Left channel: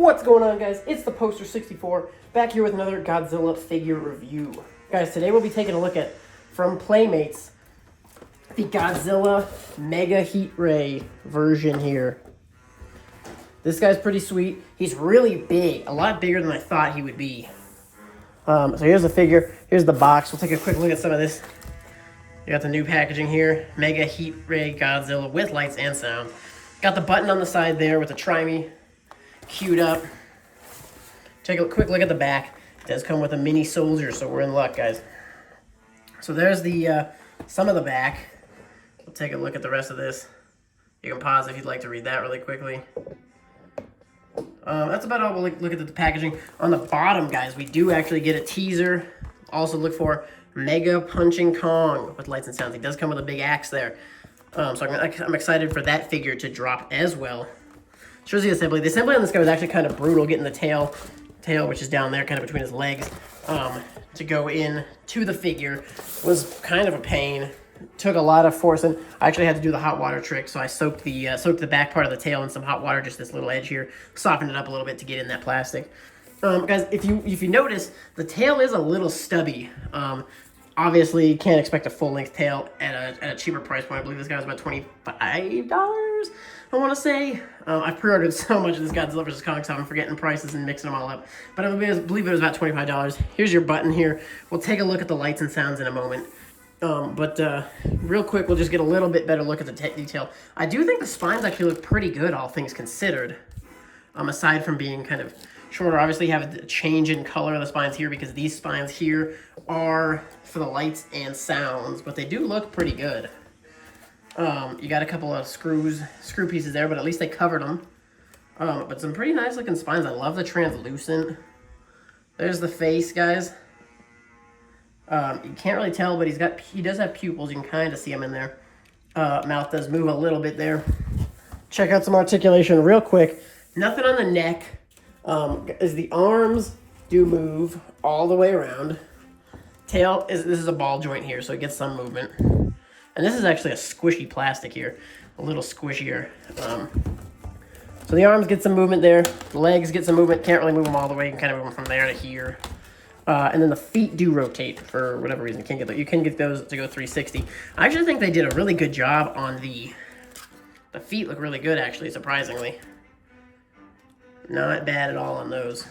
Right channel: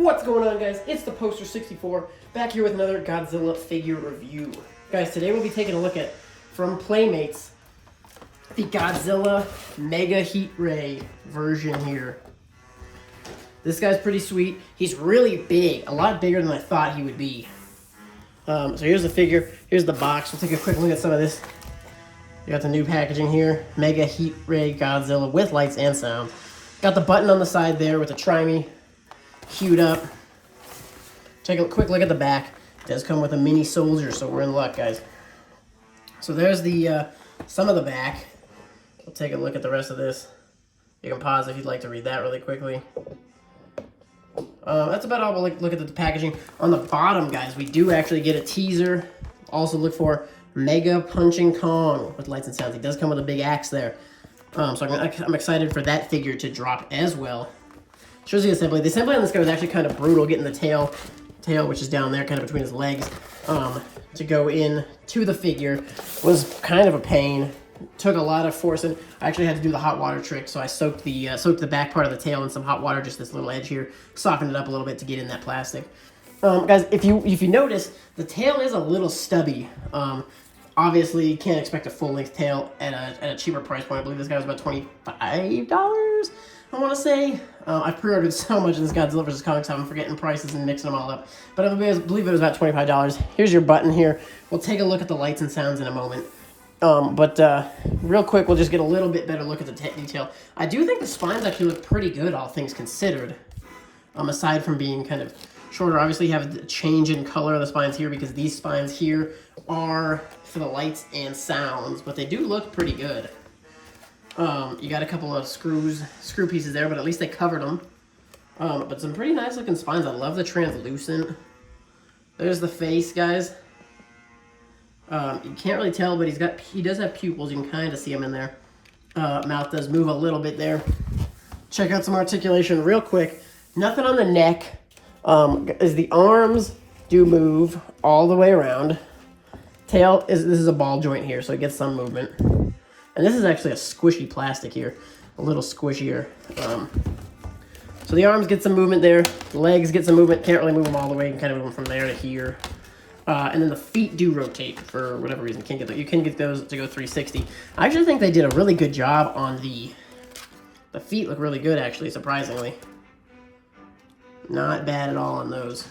What's going on, guys? It's the Poster 64 back here with another Godzilla figure review. Guys, today we'll be taking a look at, from Playmates, the Godzilla Mega Heat Ray version here. This guy's pretty sweet. He's really big, a lot bigger than I thought he would be. So here's the figure, here's the box. We'll take a quick look at some of this. You got the new packaging here, Mega Heat Ray Godzilla with lights and sound. Got the button on the side there with the Try Me queued up. Take a quick look at the back. It does come with a mini soldier, so we're in luck, guys. So there's the some of the back. We'll take a look at the rest of this. You can pause if you'd like to read that really quickly. That's about all. We'll look at the packaging. On the bottom, guys, we do actually get a teaser. Also look for Mega Punching Kong with lights and sounds. He does come with a big axe there. So I'm excited for that figure to drop as well. Shows the assembly. The assembly on this guy was actually kind of brutal, getting the tail, which is down there, kind of between his legs, to go in to the figure was kind of a pain. Took a lot of forcing. I actually had to do the hot water trick, so I soaked the back part of the tail in some hot water, just this little edge here, softened it up a little bit to get in that plastic. Guys, if you notice, the tail is a little stubby. Obviously, you can't expect a full-length tail at a cheaper price point. I believe this guy was about $25, I want to say. I've pre-ordered so much of this Godzilla vs. Kong, so I'm forgetting prices and mixing them all up. But I believe it was about $25. Here's your button here. We'll take a look at the lights and sounds in a moment. Real quick, we'll just get a little bit better look at the detail. I do think the spines actually look pretty good, all things considered. Aside from being kind of shorter, obviously you have a change in color of the spines here because these spines here are for the lights and sounds, but they do look pretty good. You got a couple of screw pieces there, but at least they covered them. But some pretty nice looking spines. I love the translucent. There's the face, guys. You can't really tell, but he does have pupils. You can kind of see them in there. Mouth does move a little bit there. Check out some articulation real quick. Nothing on the neck. Is the arms do move all the way around. Tail this is a ball joint here, so it gets some movement. And this is actually a squishy plastic here, a little squishier. So the arms get some movement there. The legs get some movement. Can't really move them all the way. You can kind of move them from there to here. And then the feet do rotate for whatever reason. You can get those to go 360. I actually think they did a really good job on the feet. Look really good, actually, surprisingly. Not bad at all on those.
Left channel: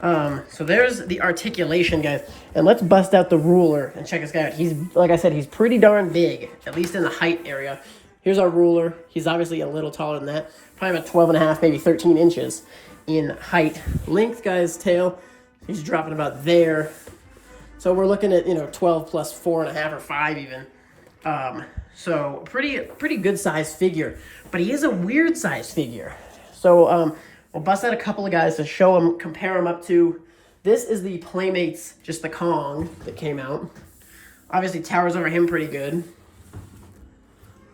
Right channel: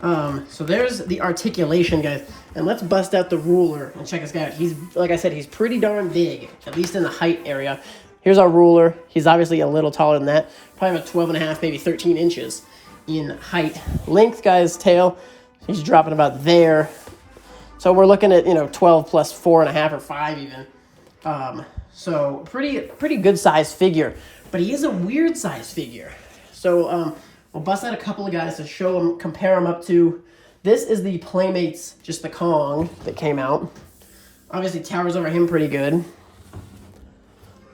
So there's the articulation, guys. And let's bust out the ruler and check this guy out. He's, like I said, he's pretty darn big, at least in the height area. Here's our ruler. He's obviously a little taller than that. Probably about 12 and a half, maybe 13 inches in height. Length, guys, tail, he's dropping about there. So we're looking at, 12 plus 4.5 or 5 even. So pretty good size figure. But he is a weird size figure. So we'll bust out a couple of guys to show him, compare him up to. This is the Playmates, just the Kong that came out. Obviously towers over him pretty good.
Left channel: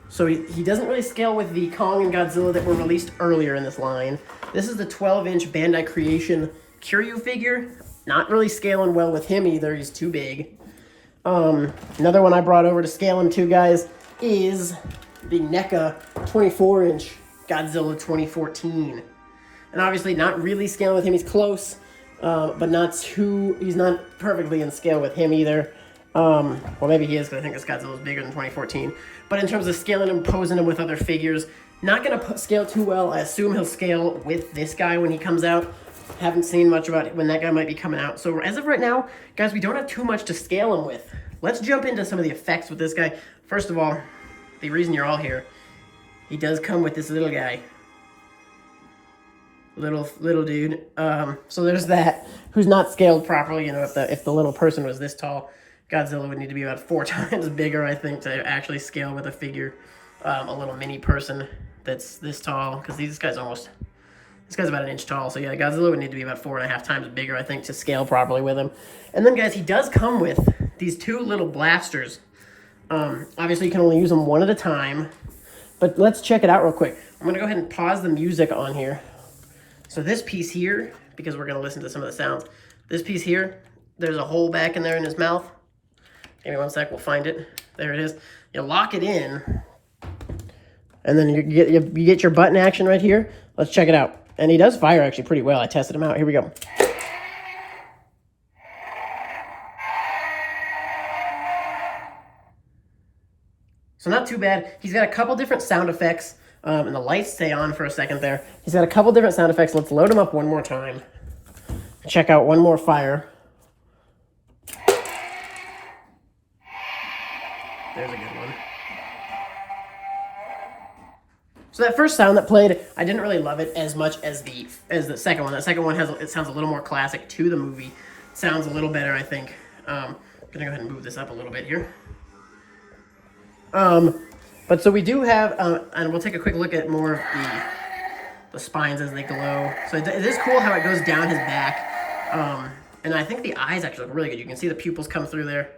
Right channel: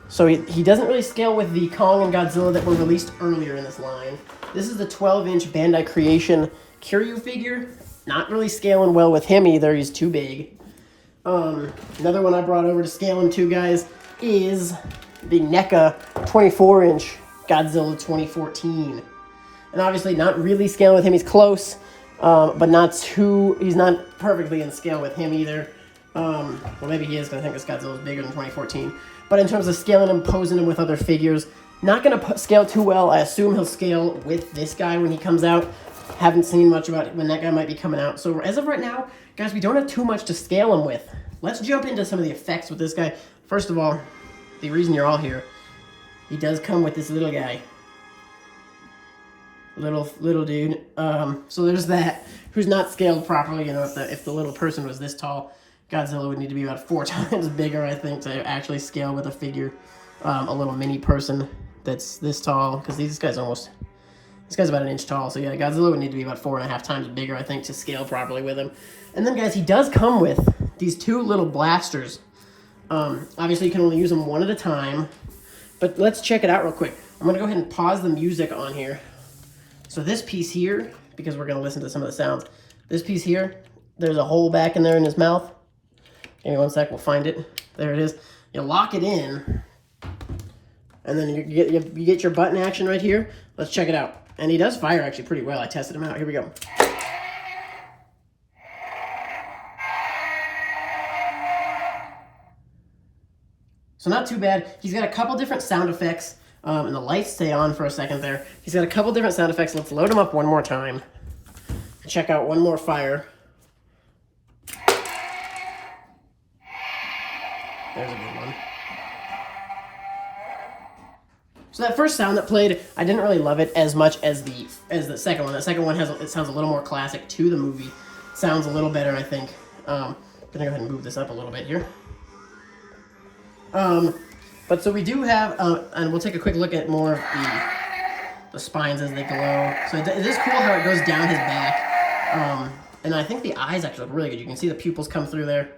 So he doesn't really scale with the Kong and Godzilla that were released earlier in this line. This is the 12-inch Bandai Creation Kiryu figure. Not really scaling well with him either. He's too big. Another one I brought over to scale him to, guys, is the Neca 24-inch Godzilla 2014. And obviously not really scaling with him. He's close, but he's not perfectly in scale with him either. Well, maybe he is, because I think this Godzilla is bigger than 2014. But in terms of scaling him, posing him with other figures, not going to scale too well. I assume he'll scale with this guy when he comes out. Haven't seen much about when that guy might be coming out. So as of right now, guys, we don't have too much to scale him with. Let's jump into some of the effects with this guy. First of all, the reason you're all here, he does come with this little guy. Little dude. So there's that, who's not scaled properly. If the little person was this tall, Godzilla would need to be about 4 times bigger, I think, to actually scale with a figure. A little mini person that's this tall, because this guy's about 1 inch tall. So yeah, Godzilla would need to be about 4.5 times bigger, I think, to scale properly with him. And then, guys, he does come with these 2 little blasters. Obviously, you can only use them one at a time. But let's check it out real quick. I'm going to go ahead and pause the music on here. So this piece here, because we're going to listen to some of the sounds, this piece here, there's a hole back in there in his mouth. Give me 1 sec, we'll find it. There it is. You lock it in, and then you get your button action right here. Let's check it out. And he does fire actually pretty well. I tested him out. Here we go. So not too bad. He's got a couple different sound effects, and the lights stay on for a second there. He's got a couple different sound effects. Let's load him up one more time. Check out one more fire. There's a good one. So that first sound that played, I didn't really love it as much as the second one. The second one it sounds a little more classic to the movie. Sounds a little better, I think. I'm gonna go ahead and move this up a little bit here. But so we do have, and we'll take a quick look at more of the spines as they glow. So it is cool how it goes down his back. And I think the eyes actually look really good. You can see the pupils come through there.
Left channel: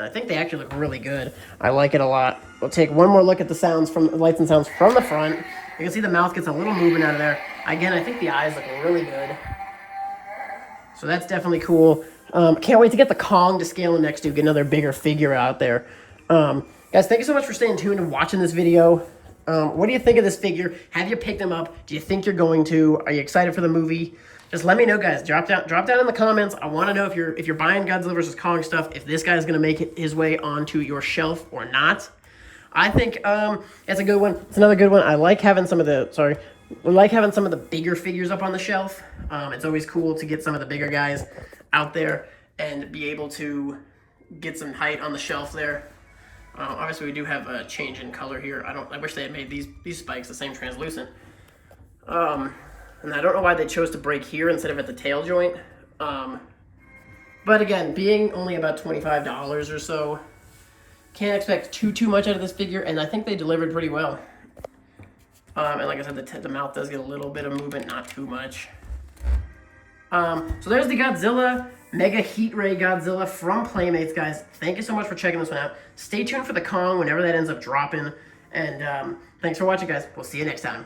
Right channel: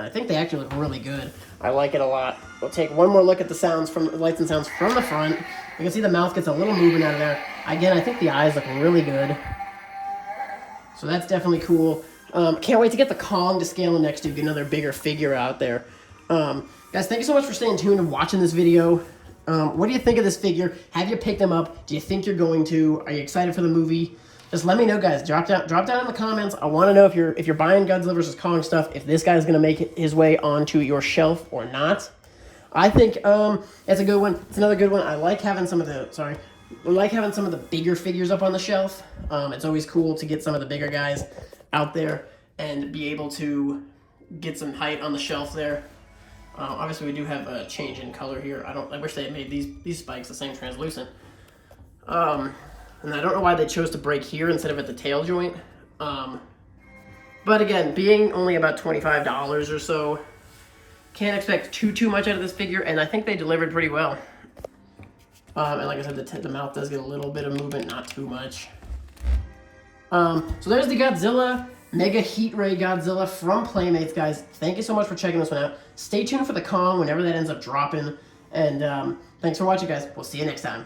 I think they actually look really good. I like it a lot. We'll take one more look at the sounds from the lights and sounds from the front. You can see the mouth gets a little movement out of there. Again, I think the eyes look really good. So that's definitely cool. Can't wait to get the Kong to scale him next to get another bigger figure out there. Guys, thank you so much for staying tuned and watching this video. What do you think of this figure? Have you picked him up? Do you think you're going to? Are you excited for the movie? Just let me know, guys. Drop down in the comments. I want to know if you're buying Godzilla vs. Kong stuff, if this guy's going to make his way onto your shelf or not. I think it's a good one. It's another good one. I like having some of the bigger figures up on the shelf. It's always cool to get some of the bigger guys out there and be able to get some height on the shelf there. Obviously, we do have a change in color here. I wish they had made these spikes the same translucent. And I don't know why they chose to break here instead of at the tail joint. But again, being only about $25 or so, can't expect too much out of this figure, and I think they delivered pretty well. And like I said, the mouth does get a little bit of movement, not too much. So there's the Godzilla, Mega Heat Ray Godzilla from Playmates, guys. Thank you so much for checking this one out. Stay tuned for the Kong whenever that ends up dropping. And thanks for watching, guys. We'll see you next time.